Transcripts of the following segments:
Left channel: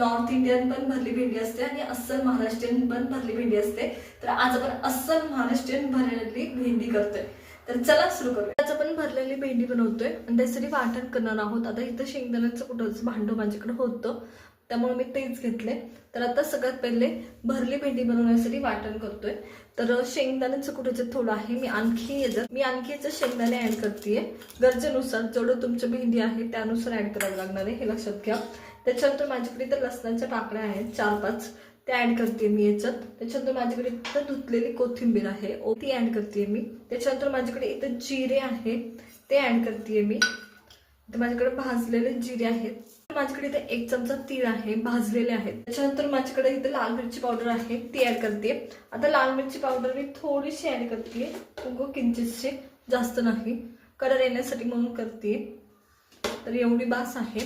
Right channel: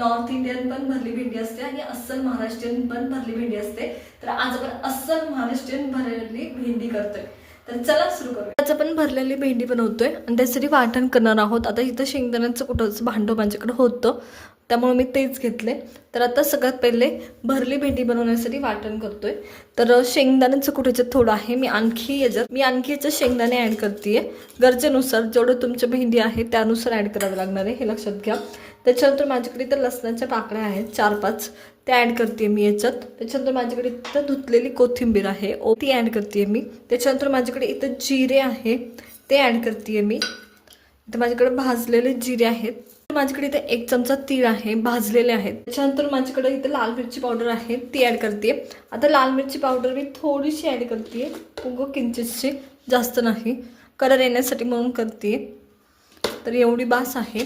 North Indian पण भरली भेंडी असते आणि अस्सल महाराष्ट्रीयन पण भरली भेंडी असते. तर आज आपण अस्सल महाराष्ट्रीयन भरलेली भेंडी करतोय. तर चला सुरू करूया. आज आपण भरलेली भेंडी बनवतोय आणि त्यासाठी वाटण करणार आहोत. आता इथं शेंगदाण्याचं कुठंच भांडं माझ्याकडे होतं, त्यामुळे मी तेच घेतले. तर आता सगळ्यात पहिले भरली भेंडी बनवण्यासाठी वाटण करतोय. तर शेंगदाण्याचं कुठेच थोडं आहे, मी आणखी याच्यात शेंगदाणे ॲड करते. गरजेनुसार जेवढं तुमचं भेंडी आहे त्यानुसार ॲड करावं लागणार आहे, हे लक्षात घ्या. त्याच्यानंतर माझ्याकडे इथं लसणाच्या पाकळ्या आहेत 4-5, त्या ॲड करते मी याच्यात. त्याच्यानंतर माझ्याकडे इथं धुतलेली कोथिंबीर आहे, ती ॲड करते मी. त्याच्यानंतर माझ्याकडे इथं जिरे आहे, ते ॲड करते मी. इथं माझ्याकडे भाजलेले जिरे आहेत. माझ्याकडे इथे 1 चमचा तीळ आहे, भाजलेले आहेत. त्याच्यानंतर माझ्याकडे इथे लाल मिरची पावडर आहे, ती ॲड करते. आता लाल मिरची पावडर मी थोडीशी ॲड करते, किंचितशी, जास्त नाही, कलर येण्यासाठी म्हणून करते. तर एवढी बास आहे.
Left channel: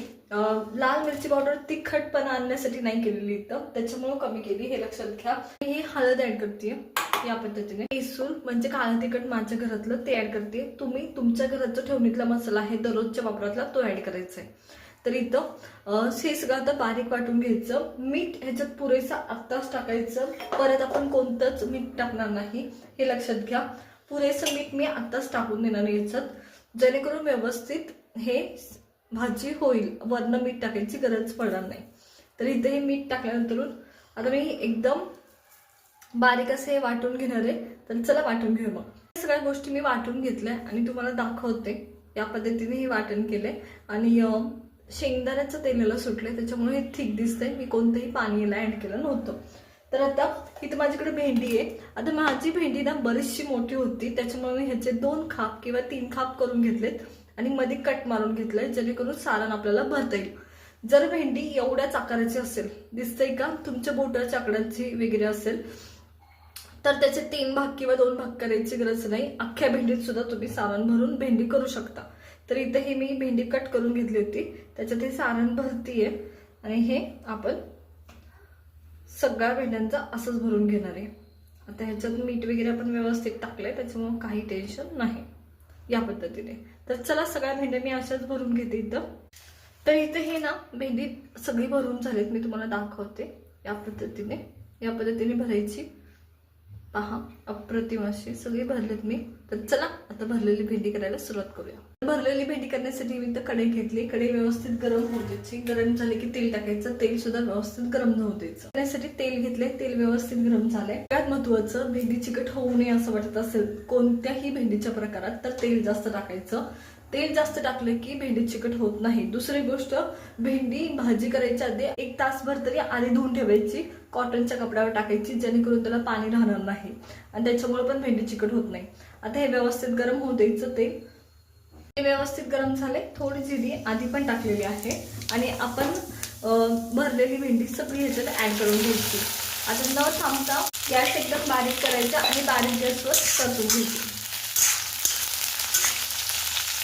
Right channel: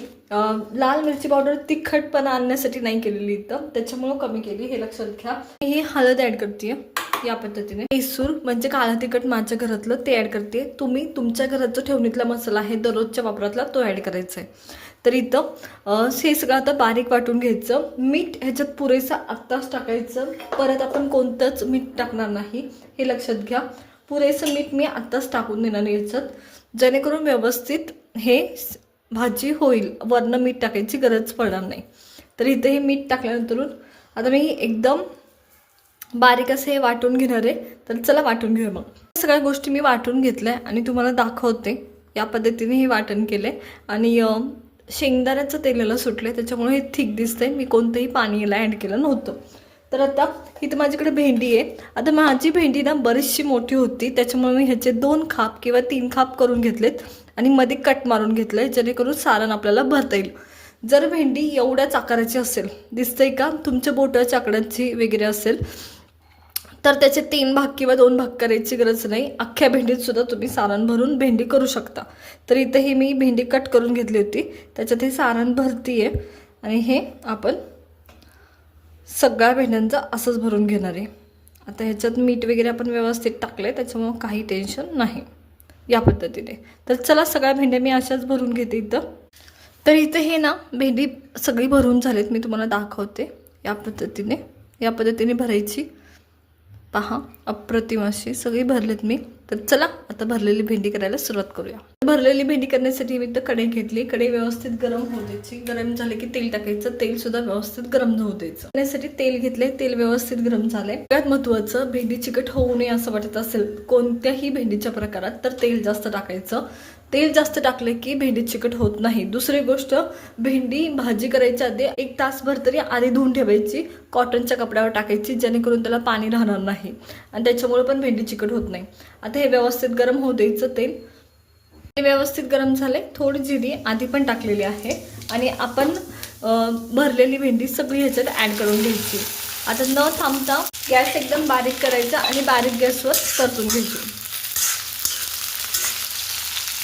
लाल मिरची पावडर तिखटपणा आणण्यासाठी नाही केलेली इथं, त्याच्यामुळं कमी केली, हे लक्षात घ्या. ही हळद ॲड करते या पद्धतीने. केसूर म्हणजे काळा तिखट माझ्या घरातलं, ते ॲड करते. तुम्ही तुमच्या घरात जो ठेवणीतला मसाला आहे दररोजच्या वापरातला, तो ॲड करायचा आहे. तर इथं हे सगळं आता बारीक वाटून घ्यायचं. मीठ ह्याच्यात पुरेसा आत्ताच टाकायचं, परत आपण कोणतंच मीठ टाकणार नाही, हे लक्षात घ्या. पुरेसं मीठ मी आत्ताच टाकून देणार याच्यात, जेणेकरून व्यवस्थित हे भाजी होईल. वरनं मीठ टाकायची गरज पडणार नाही. तर इथं हे मीठ टाकल्यानंतर आता मी एकदम बारीक असं हे वाटून घेणार आहे. तर चला वाटून घेऊ. मग सगळ्या गोष्टी मी वाटून घेतल्या आणि तुम्हाला दाखवते. या पद्धतीने हे वाटण केले आणि शेंगदाण्याचं तेल याला सुटले, त्याच्यामुळे हे थिक दिसतंय. मी कोणतंही पाणी याला ॲड केलं नव्हतं. तर आता इथं माझ्याकडे भेंडी आहे. आता माझी भेंडी ना बरीचशी मोठी होती, त्याच्यामुळे मी ह्याचे 2 खाप किंवा 3 खाप करून घेतलेत आणि मध्ये कट मारून घेतलंय, जेणेकरून सारण आपल्याला भरता येईल. जर भेंडी एवढ्याच आकाराची असेल, दिसतंय का, तुमच्या बोटाच्या आकाराची वगैरे असेल, तर त्याचे 3 भाग किंवा 2 भाग करायची गरज नाही. अख्ख्या भेंडीत सुद्धा तुम्ही सारण भरून भेंडी करू शकता. तर इथे ही मी भेंडी कट करून घेतली होती, त्याच्यात हे सारण भरतीये आणि हे आपण सगळ्या भेंड्यांचं असंच भरून घेणार आहे. आता ह्याच्यात मीठ वगैरे आपण व्यवस्थित टाकले, त्याच्यामुळं काही टेन्शन नाही या पद्धतीने. तर चला सगळ्या भेंड्या मी अशाच भरून घेते इथं. तर इथे हे ना भेंडी सगळी भरून झालीत, मी तुम्हाला दाखवते. या पद्धतीने भरायची. पहा, अप्रतिम अशी सगळी भरलेत मी. तर चला आता भरलेली भेंडी करायला सुरुवात करूया. भरलेली भेंडी करण्यासाठी मी इथं कढई घेतली. कढई व्यवस्थित गरम होऊ द्यायची. गरम झाले की तेल टाकायचं. तेल सुद्धा व्यवस्थित गरम होऊ द्यायचं. त्यासाठी तेल घेतले, तेल व्यवस्थित गरम झाले. सगळ्यात महत्त्वाचं, भेंडी चिकट होऊ नये असं वाटत असेल कोणत्याही भेंडीच्या प्रकारात, तर तेल जास्त टाकायचं. तेल जास्त टाकले की भेंडी चिकट होत नाही. दुसरी गोष्ट, भेंडी भाजी करायच्या आधी 1 तासभर तरी आधी धुवून ठेवायची, कॉटनच्या कपड्यावर टाकायची, जेणेकरून त्याला पाणी राहणार नाही आणि त्याच्यामुळे पण भेंडी चिकट होत नाही. आता हे व्यवस्थित गरम होऊ द्यायचं. तेल व्यवस्थित गरम झाले. थोडी जिरी आधी पण टाकलेली आहे आणि आपण भरलेली भेंडी सगळी ह्याच्यात ॲड करून घ्यायची. आता न थांबता गॅस एकदम बारीक करायचा आणि बारीक गॅसवर परतून घ्यायची.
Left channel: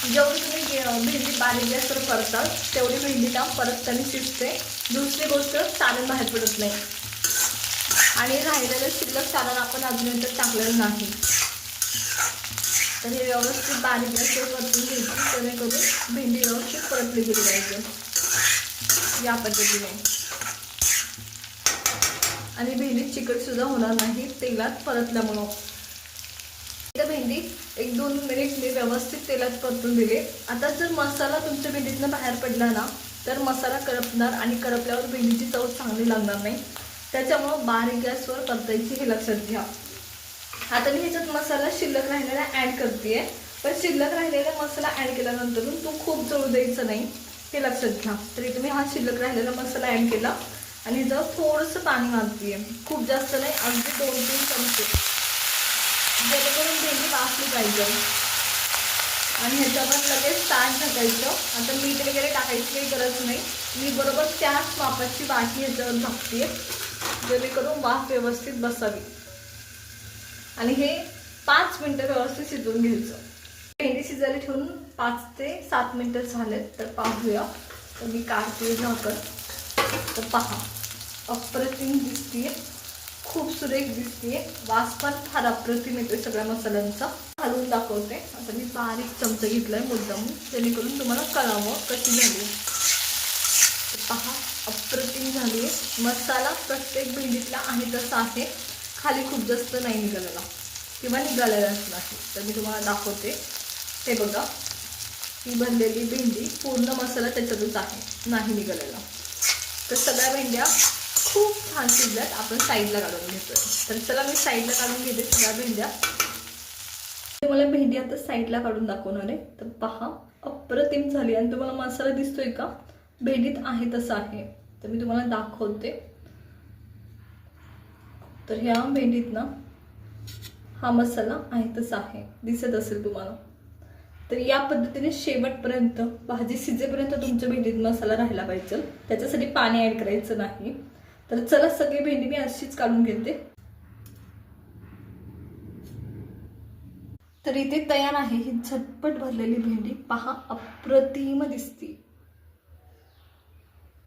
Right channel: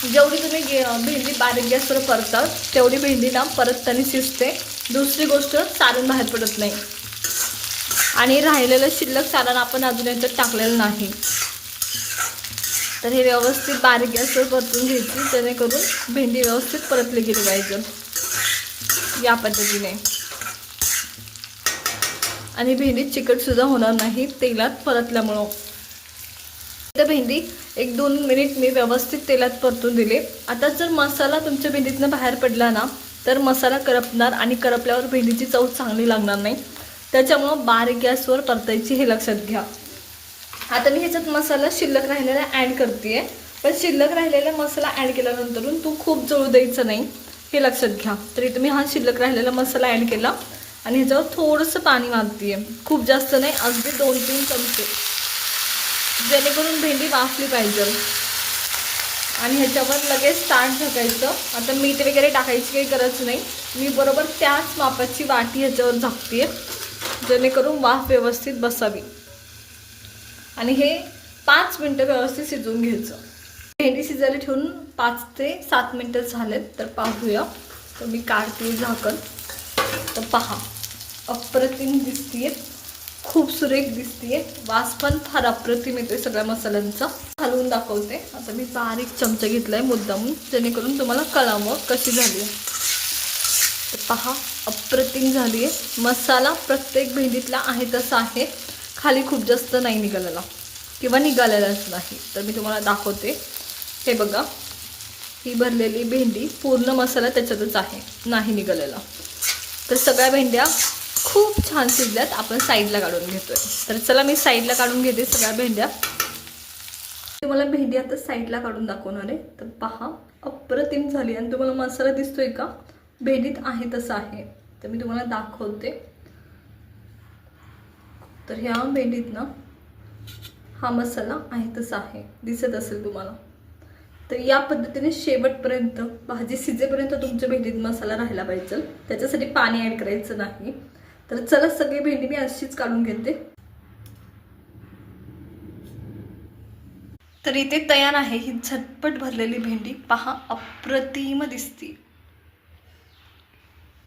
जेवढी तुम्ही भेंडी बारीक गॅसवर परताल, तेवढी भेंडी ना परत त्याने शिजते. दुसरी गोष्ट, सारण बाहेर पडत नाही आणि राहिलेलं शिल्लक सारण आपण अजून एकदा टाकलेलं नाही. तर हे व्यवस्थित बारीक गॅसवर परतून घ्यायची, जेणेकरून भेंडी व्यवस्थित परतली गेली पाहिजे या पद्धतीने. आणि भेंडी चिकट सुद्धा होणार नाही तेलात परतल्यामुळं. तर भेंडी 1-2 मिनिट मी व्यवस्थित तेलात परतून दिले. आता जर मसाला तुमच्या भेंडीतनं बाहेर पडला ना, तर मसाला करपणार आणि करपल्यावर भेंडीची चव चांगली लागणार नाही. त्याच्यामुळं बारीक गॅसवर परतायची, हे लक्षात घ्या. आता मी ह्याच्यात मसाला शिल्लक राहिलेला ॲड करते, पण शिल्लक राहिलेला मसाला ॲड केल्यानंतर तो खूप जळू द्यायचा नाही, हे लक्षात घ्या. तरी तुम्ही हा शिल्लक राहिलेला मसाला ॲड केला आणि ह्याच्यावर थोडंसं पाणी मारते, खूप जास्त नाही, अगदी 2-3 चमचे, जेणेकरून भेंडी वाफली पाहिजे. आणि ह्याच्यावर लगेच ताट झाकायचं. आता मीठ वगैरे टाकायची काही गरज नाही. मी बरोबर त्याच मापाची वाटी ह्याच्यावर झाकते, जेणेकरून वाफ व्यवस्थित बसावी. आणि हे 5 मिनटं व्यवस्थित शिजवून घ्यायचं. भेंडी शिजायला ठेवून 5 ते 7 मिनटं झालेत. तर पाहूया. तर मी काढते झाकण. तर पहा, अप्रतिम दिसतीये, खूप सुरेख दिसतीये. वास पण फार अप्रतिम येतोय सगळ्या मसाल्यांचा. हलवून दाखवते. आता मी बारीक चमचा घेतलाय मुद्दामून, जेणेकरून तुम्हाला कळावं कशी झाली. तर पहा, अप्रतिम झाली आहे. मसाला प्रत्येक भेंडीतला आहे तसा आहे, खाली खूप जास्त नाही निघालेला किंवा निघालेलाच नाही. तर मी तुम्हाला दाखवते. हे बघा, ही भरलेली भेंडी पूर्ण मसाला त्याच्यातच आहे, नाही निघालेला. तर सगळ्या भेंड्या खूप छान शिजल्यात. आपण साईडला काढून घेतोय. तर चला मी साईडला काढून घेते सगळ्या भेंड्या. तुम्हाला भेंडी आता साईडला काढून दाखवणार आहे. तर पहा, अप्रतिम झाली. आणि तुम्हाला मसाला दिसतोय का, भेंडीत आहे तसं आहे. तर मी तुम्हाला दाखवते. तर ह्या भेंडीत ना हा मसाला आहे तसा आहे, दिसत असेल तुम्हाला. तर या पद्धतीने शेवटपर्यंत भाजी शिजेपर्यंत तुमच्या भेंडीत मसाला राहायला पाहिजे. त्याच्यासाठी पाणी ऍड करायचं नाही. तर चला, सगळी भेंडी मी अशीच काढून घेते. तर इथे तयार आहे ही झटपट भरलेली भेंडी. पहा, अप्रतिम दिसते.